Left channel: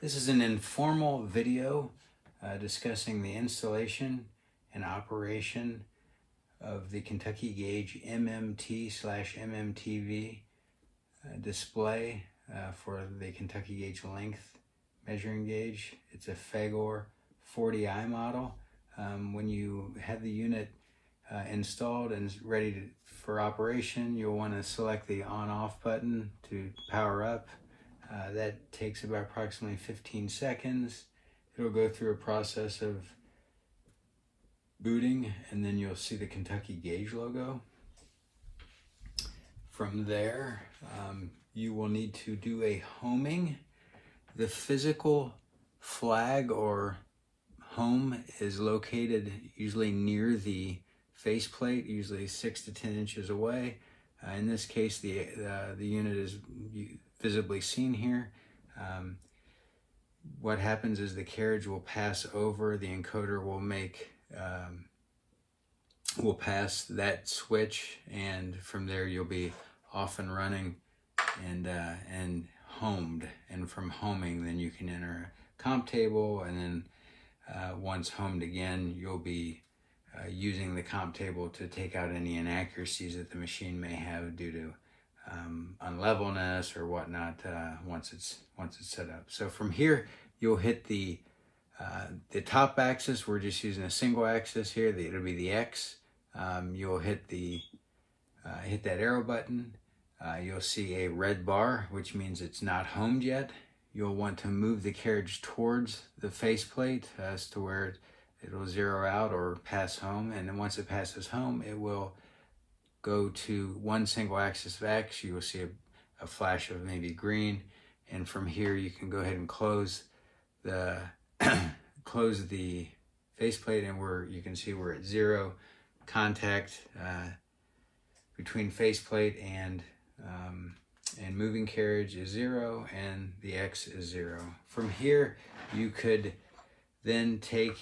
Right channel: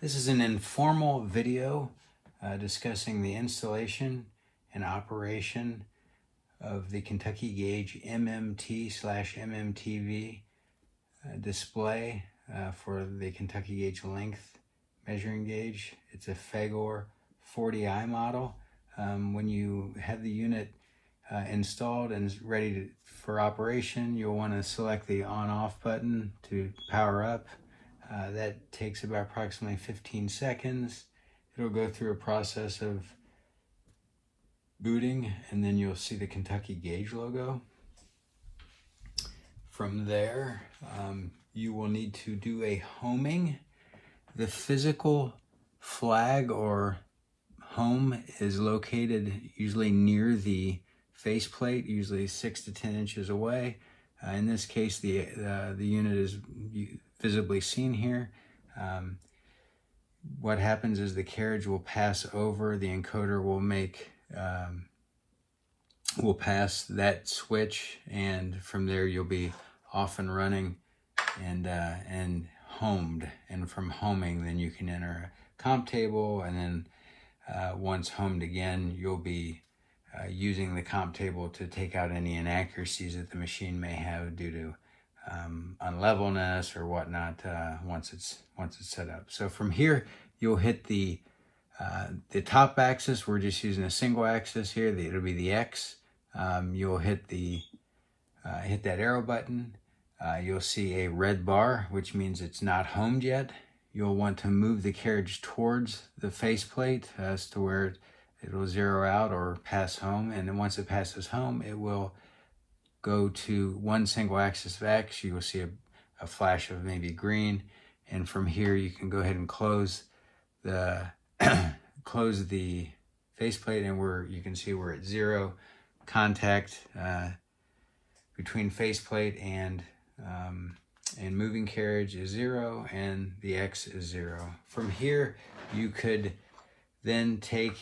This is an informal video discussing the installation and operation of the Kentucky Gauge MMT/MMTV display for the Kentucky Gauge length measuring gauge. It's a Fagor 40i model. When you have the unit installed and ready for operation, you'll want to select the on-off button to power up. That takes about approximately 15 seconds. It'll go through a process of booting, and then you'll see the Kentucky Gauge logo. From there, you will need to do a homing. The physical flag or home is located usually near the faceplate, usually 6 to 10 inches away. In this case, the unit is visibly seen here. What happens is the carriage will pass over, the encoder will pass that switch, and from there you'll be off and running and homed. And from homing, then you can enter a comp table, and then once homed again, you'll be using the comp table to take out any inaccuracies that the machine may have due to unlevelness or whatnot once it's set up. So from here, you'll hit the top axis. We're just using a single axis here. It'll be the X. You'll hit that arrow button. You'll see a red bar, which means it's not homed yet. You'll want to move the carriage towards the faceplate as to where it'll zero out or pass home. And then once it passes home, it will go to one single axis of X. You will see a flash of maybe green. And from here, you can go ahead and close the faceplate, and you can see we're at zero. Contact between faceplate and moving carriage is 0, and the X is 0. From here, you could then take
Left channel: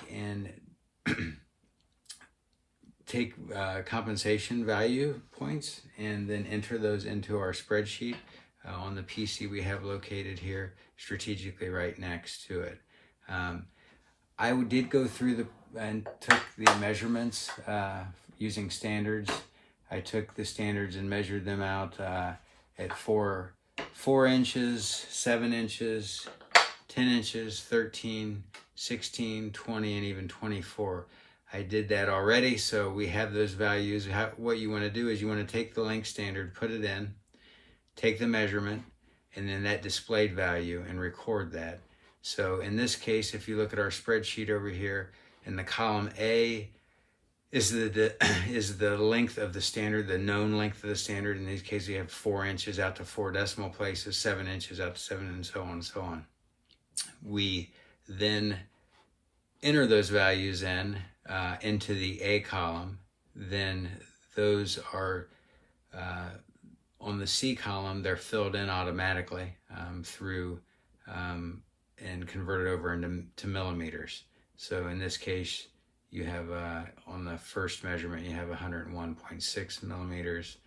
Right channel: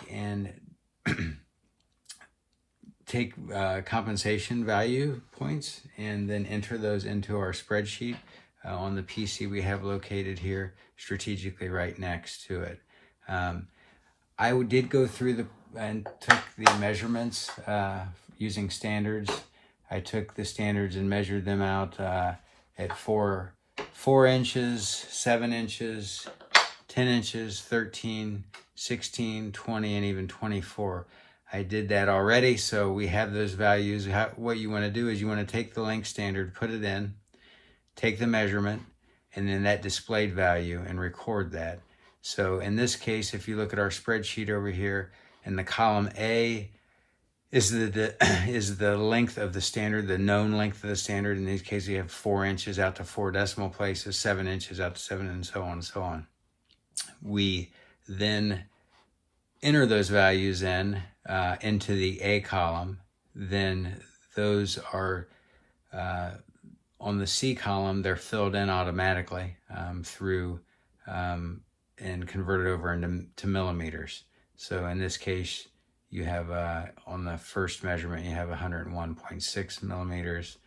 compensation value points and then enter those into our spreadsheet on the PC we have located here strategically right next to it. I did go through and took the measurements using standards. I took the standards and measured them out at 4 inches, 7 inches, 10 inches, 13, 16, 20, and even 24. I did that already, so we have those values. What you want to do is you want to take the length standard, put it in, take the measurement, and then that displayed value, and record that. So in this case, if you look at our spreadsheet over here, in the column A is the length of the standard, the known length of the standard. In these cases, you have 4 inches out to 4 decimal places, 7 inches out to 7, and so on and so on. We then enter those values into the A column. Then those are on the C column. They're filled in automatically through and converted over into millimeters. So in this case, you have on the first measurement, you have 101.6 millimeters,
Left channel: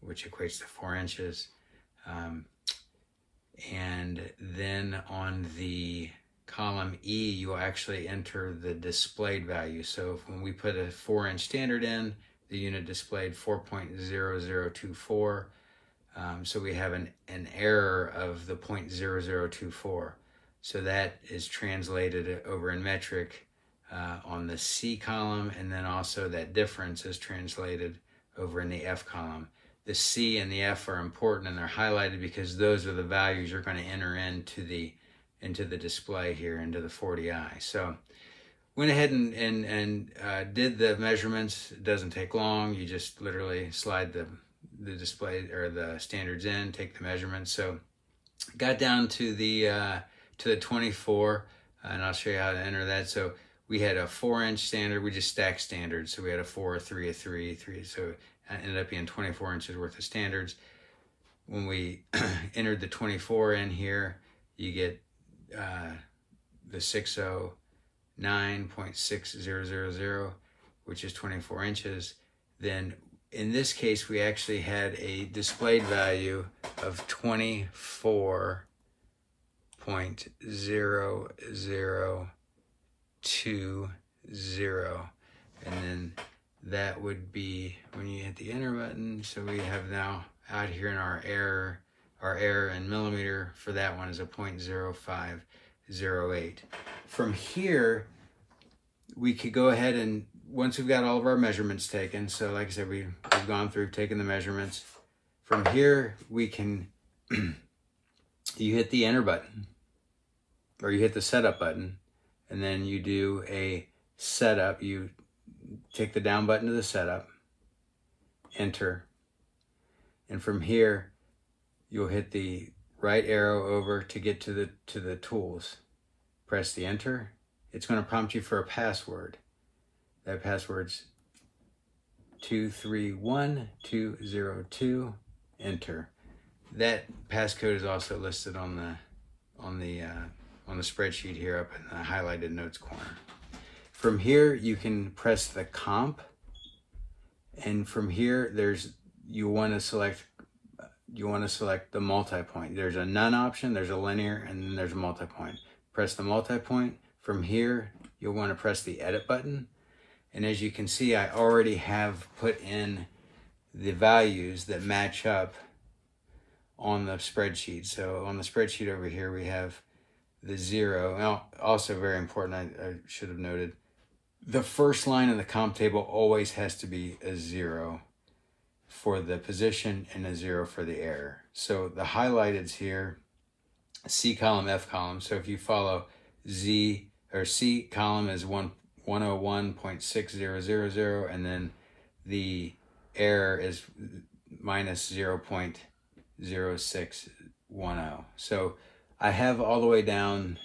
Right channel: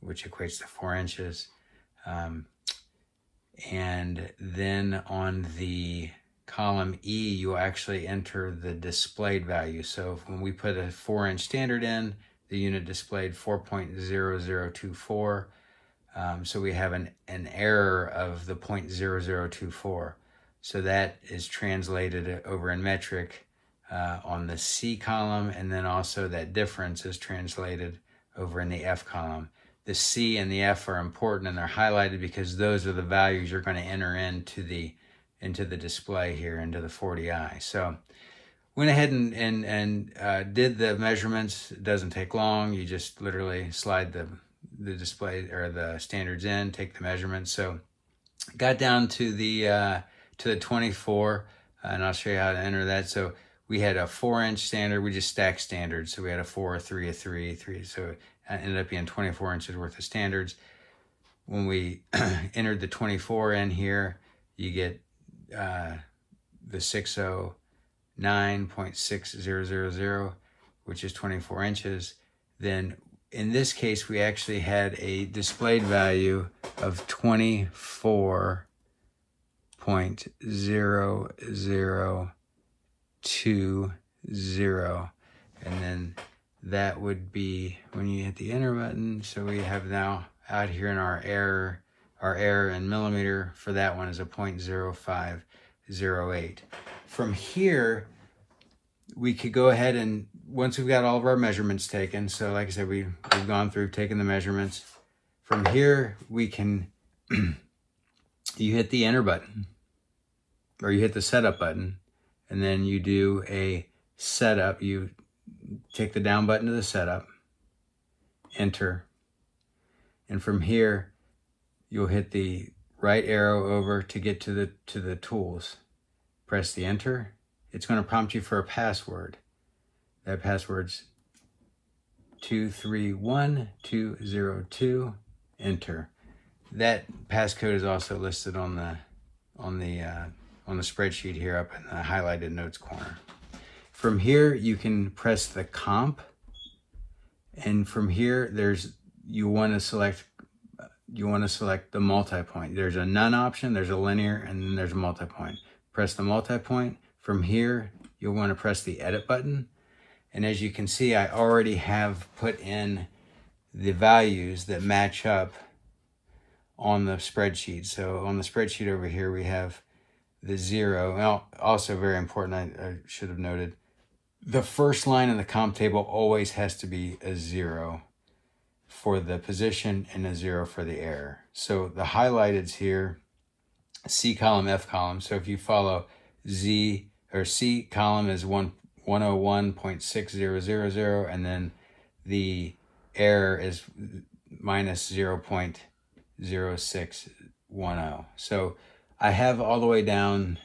which equates to 4 inches. And then on the column E, you actually enter the displayed value. So when we put a 4-inch standard in, the unit displayed 4.0024. So we have an error of the 0.0024. So that is translated over in metric on the C column, and then also that difference is translated over in the F column. The C and the F are important, and they're highlighted because those are the values you're going to enter into the display here, into the 40i. So went ahead and did the measurements. It doesn't take long. You just literally slide the display or the standards in, take the measurements. So got down to the 24, and I'll show you how to enter that. So we had a 4-inch standard. We just stacked standards. So we had a 4, a 3, a 3, a 3. So it ended up being 24 inches worth of standards. When we entered the 24 in here, you get the 609.6000, which is 24 inches. Then in this case, we actually had a displayed value of 24 0.0020, and then that would be when you hit the enter button. So we have now out here in our error in millimeter for that one is a 0.0508. From here, we could go ahead and, once we've got all of our measurements taken, so like I said, we've gone through, taken the measurements. From here, we can, you hit the enter button, or you hit the setup button, and then you do a setup. You take the down button to the setup, enter, and from here, you'll hit the right arrow over to get to the tools. Press the enter. It's going to prompt you for a password. That password's 231202. Enter. That passcode is also listed on the spreadsheet here up in the highlighted notes corner. From here, you can press the comp, and from here, you want to select the multi-point. There's a none option, there's a linear, and then there's a multi-point. Press the multi-point. From here, you'll want to press the edit button. And as you can see, I already have put in the values that match up on the spreadsheet. So on the spreadsheet over here, we have the 0. Well, also very important, I should have noted, the first line of the comp table always has to be a 0 for the position and a 0 for the error. So the highlighteds here, C column, F column. So if you follow Z or C column is 101.6000, and then the error is minus 0.0610. So I have all the way down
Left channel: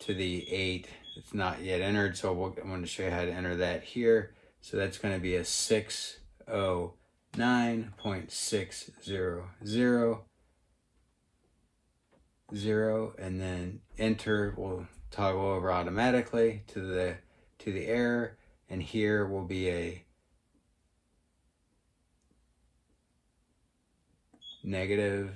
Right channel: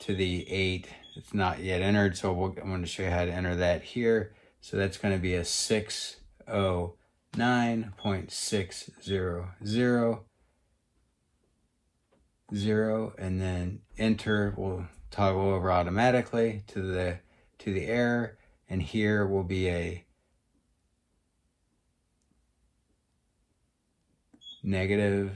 to the 8. It's not yet entered, so I'm going to show you how to enter that here. So that's going to be a 609.600, and then enter will toggle over automatically to the error, and here will be a negative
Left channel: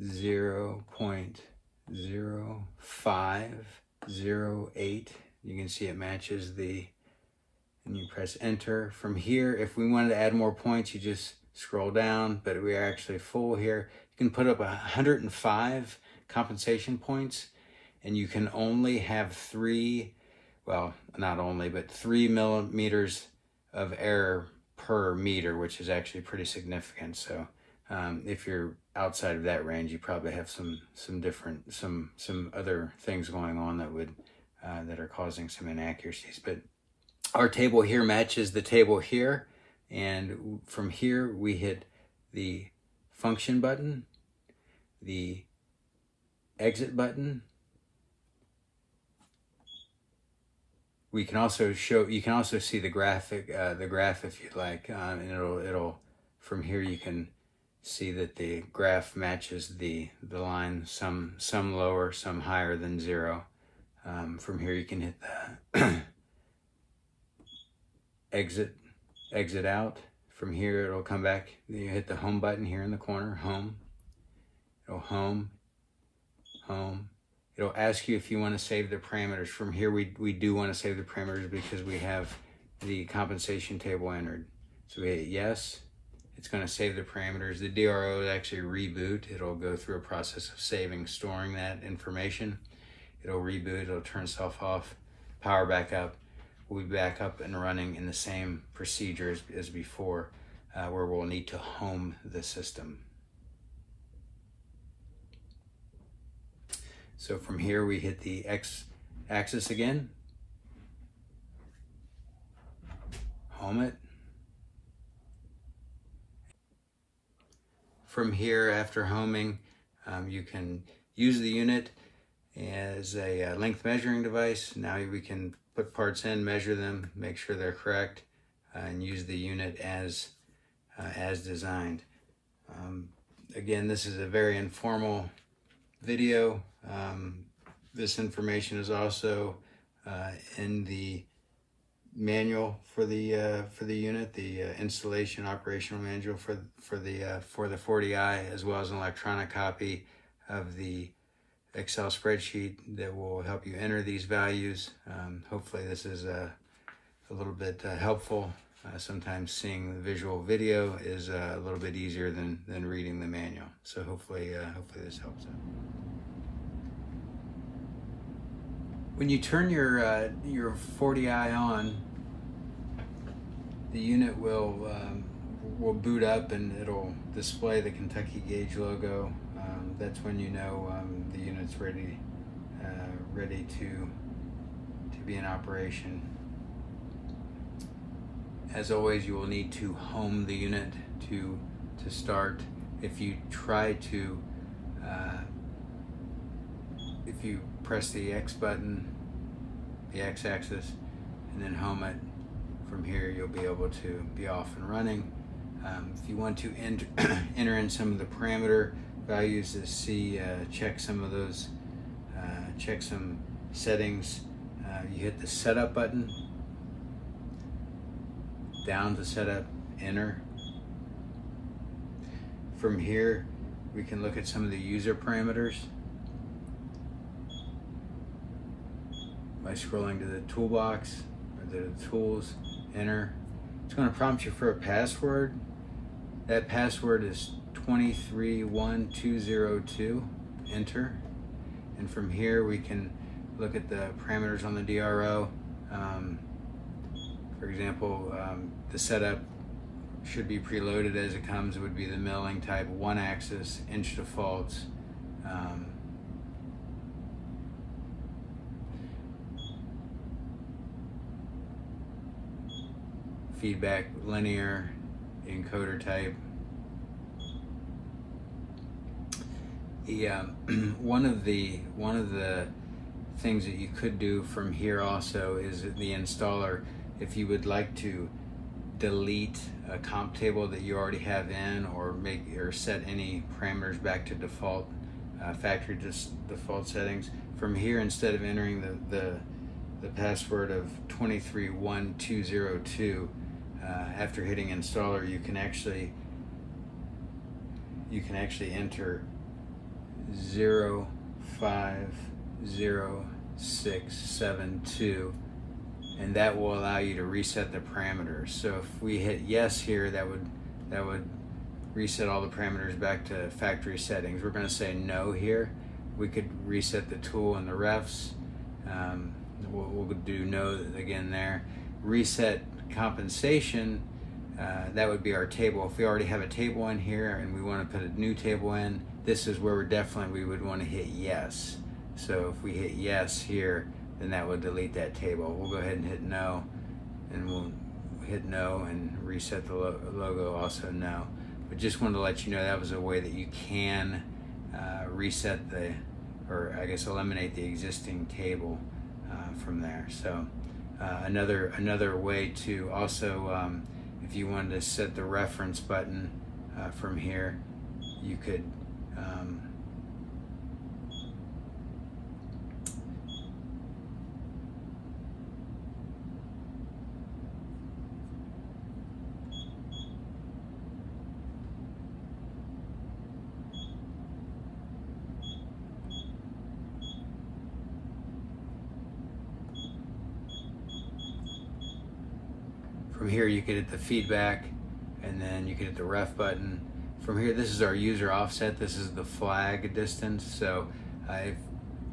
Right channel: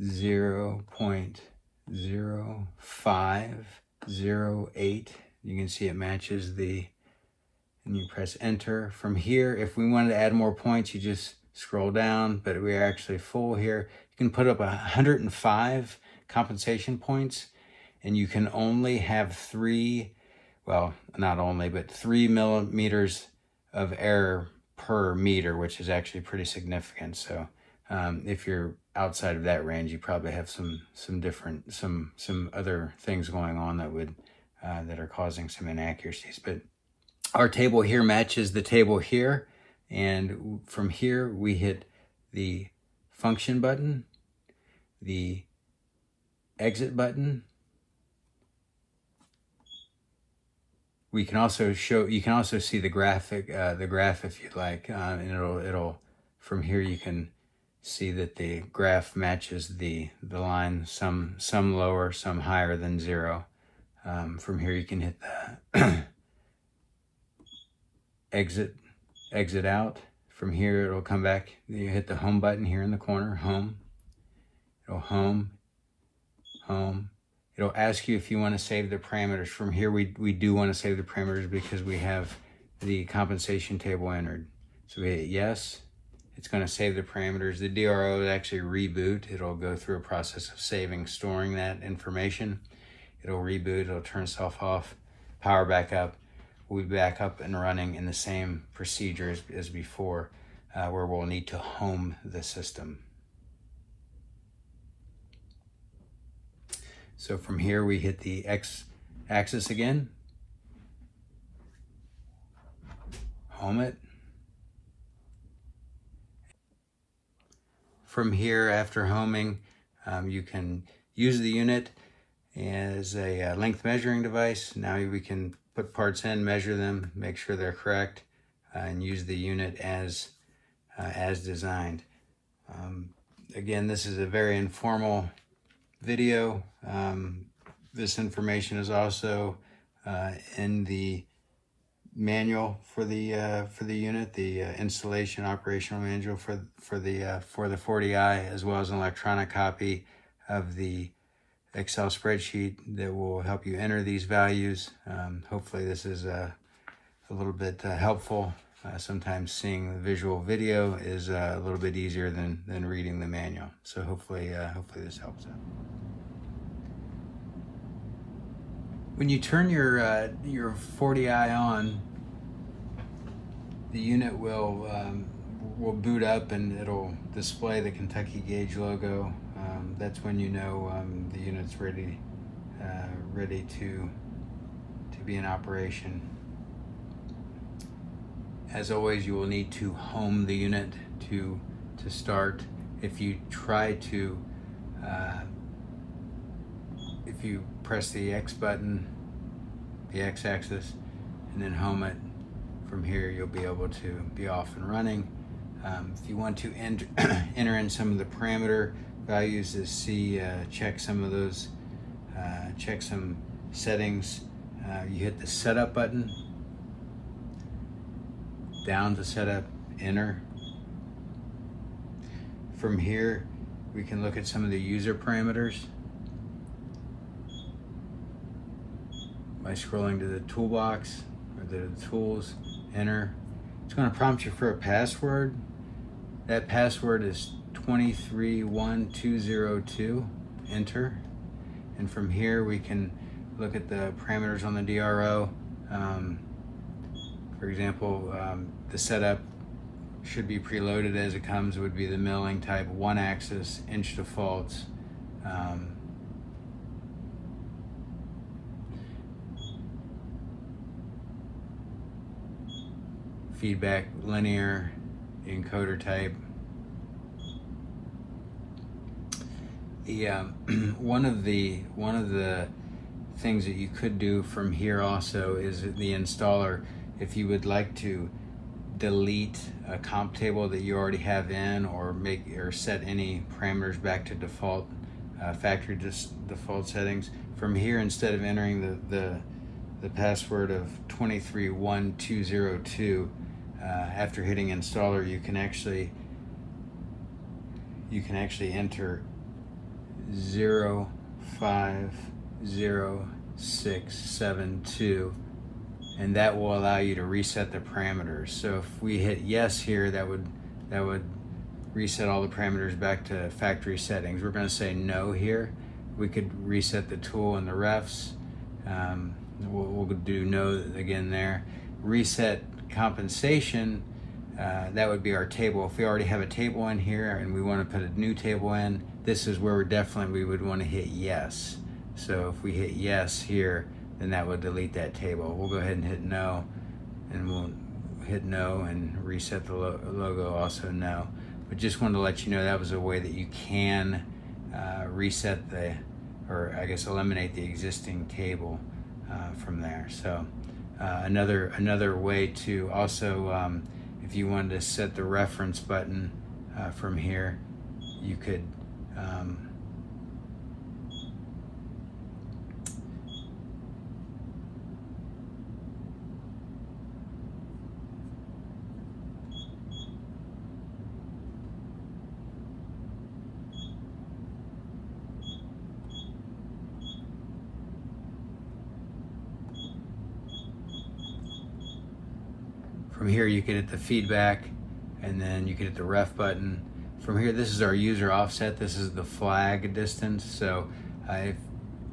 0.0508. You can see it matches and you press enter. From here, if we wanted to add more points, you just scroll down, but we're actually full here. You can put up 105 compensation points, and you can only have 3, well, not only, but 3 millimeters of error per meter, which is actually pretty significant. So if you're outside of that range, you probably have some other things going on that are causing some inaccuracies. But our table here matches the table here, and from here we hit the function button, the exit button. You can also see the graph if you'd like, and it'll from here you can see that the graph matches the line, some lower, some higher than 0. From here you can hit the exit out. From here it'll come back. You hit the home button here in the corner, home. It'll home. It'll ask you if you want to save the parameters. From here we do want to save the parameters because we have the compensation table entered. So we hit yes. It's going to save the parameters. The DRO will actually reboot. It'll go through a process of saving, storing that information. It'll reboot, it'll turn stuff off, power back up. We'll be back up and running in the same procedure as before, where we'll need to home the system. So from here we hit the X axis again, home it. From here, after homing, you can use the unit as a length measuring device. Now we can put parts in, measure them, make sure they're correct, and use the unit as designed. Again, this is a very informal video. This information is also in the manual for the unit, the installation operational manual for the 40i, as well as an electronic copy of the Excel spreadsheet that will help you enter these values. Hopefully this is a little bit helpful. Sometimes seeing the visual video is a little bit easier than reading the manual. So hopefully this helps out. When you turn your 40i on, the unit will boot up and it'll display the Kentucky Gauge logo. That's when you know the unit's ready to be in operation. As always, you will need to home the unit to start. If you try to, if you press the X button, the X axis, and then home it, from here you'll be able to be off and running. If you want to enter in some of the parameter values to see, check some of those, check some settings, you hit the setup button, down to setup, enter. From here we can look at some of the user parameters by scrolling to the toolbox or the tools, enter. It's going to prompt you for a password. That password is 231202, enter. And from here we can look at the parameters on the DRO. For example, the setup should be preloaded as it comes. It would be the milling type, 1-axis, inch defaults. Feedback, linear, encoder type. Yeah, one of the things that you could do from here also is the installer. If you would like to delete a comp table that you already have in, or set any parameters back to default factory default settings, from here, instead of entering the password of 231202, after hitting installer, you can actually enter 050672, and that will allow you to reset the parameters. So if we hit yes here, that would reset all the parameters back to factory settings. We're going to say no here. We could reset the tool and the refs. We'll do no again there. Reset compensation, that would be our table. If we already have a table in here and we want to put a new table in, this is where we would want to hit yes. So if we hit yes here, then that would delete that table. We'll go ahead and hit no, and we'll hit no and reset the logo, also no. But just wanted to let you know that was a way that you can reset eliminate the existing table from there. So another way to also, if you wanted to set the reference button from here, you could from here you can hit the feedback, and then you can hit the ref button. From here, this is our user offset. This is the flag distance. So if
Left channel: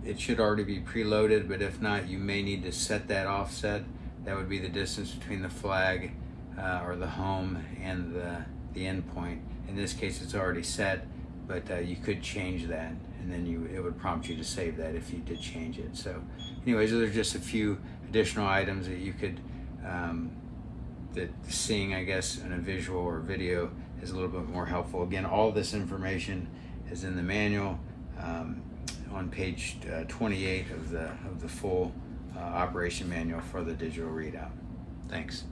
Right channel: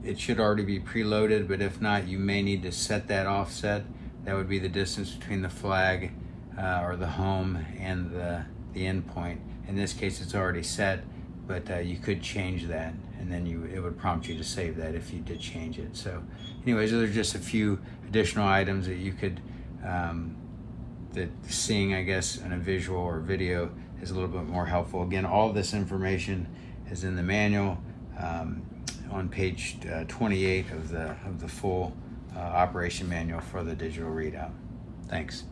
it should already be preloaded, but if not, you may need to set that offset. That would be the distance between the flag or the home and the endpoint. In this case, it's already set, but you could change that, and then it would prompt you to save that if you did change it. So anyways, there's just a few additional items that you could that seeing, I guess, in a visual or video is a little bit more helpful. Again, all of this information is in the manual on page 28 of the full operation manual for the digital readout. Thanks.